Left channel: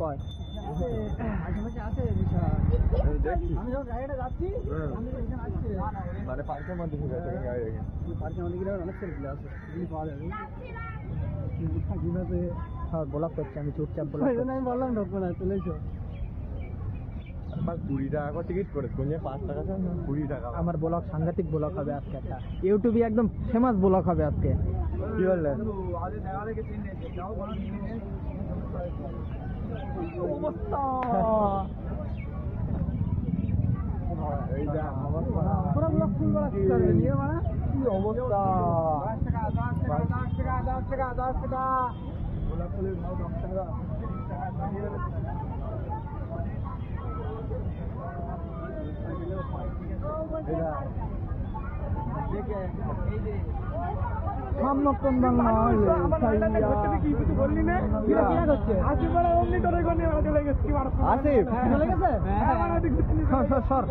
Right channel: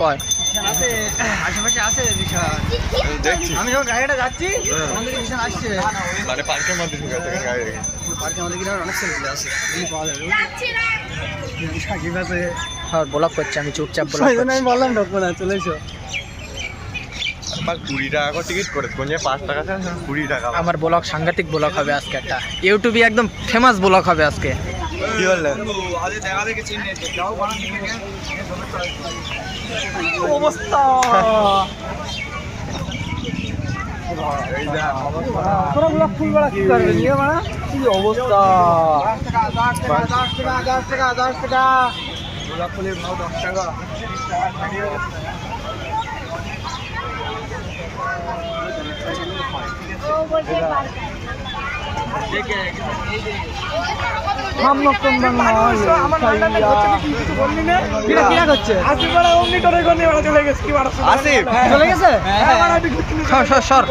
কয় আছে আশেপাশে আছে বিশাল দেখছি আমি যখন গাড়িটা যাচ্ছি আমাদের বিশাল আসছে মানে পার্কের মধ্যে ঢুকে আছে গাড়ি পার্কে আমাদের কিনা অনেক সেলফি আছে এগুলি পাওয়া যাবে সাকিব আছে হ্যাঁ ব্লগ করছি আমি চুপচাপ ব্লগ আমি বললাম ঢুকবো না চলে এসো আমার 20 টাকা করে টিকিট করে কোন যে 5 টাকা আছে 20 টাকা আমার ব্লগ সাংঘাতিক ব্লগ হবে আজকে একটা ইউটিউবে একদম ফেমাস ব্লগ হবে আজকে কি বললেন আজকে দেখা দেখে চিনে যাও বানা নিয়ে অবস্থা এই যা তোরা ব্লগ ফুল বড় কি করবে নিয়ে বানা কি অবস্থা 10 টাকা ব্লগ ফুলের ভাও 10 টাকা সর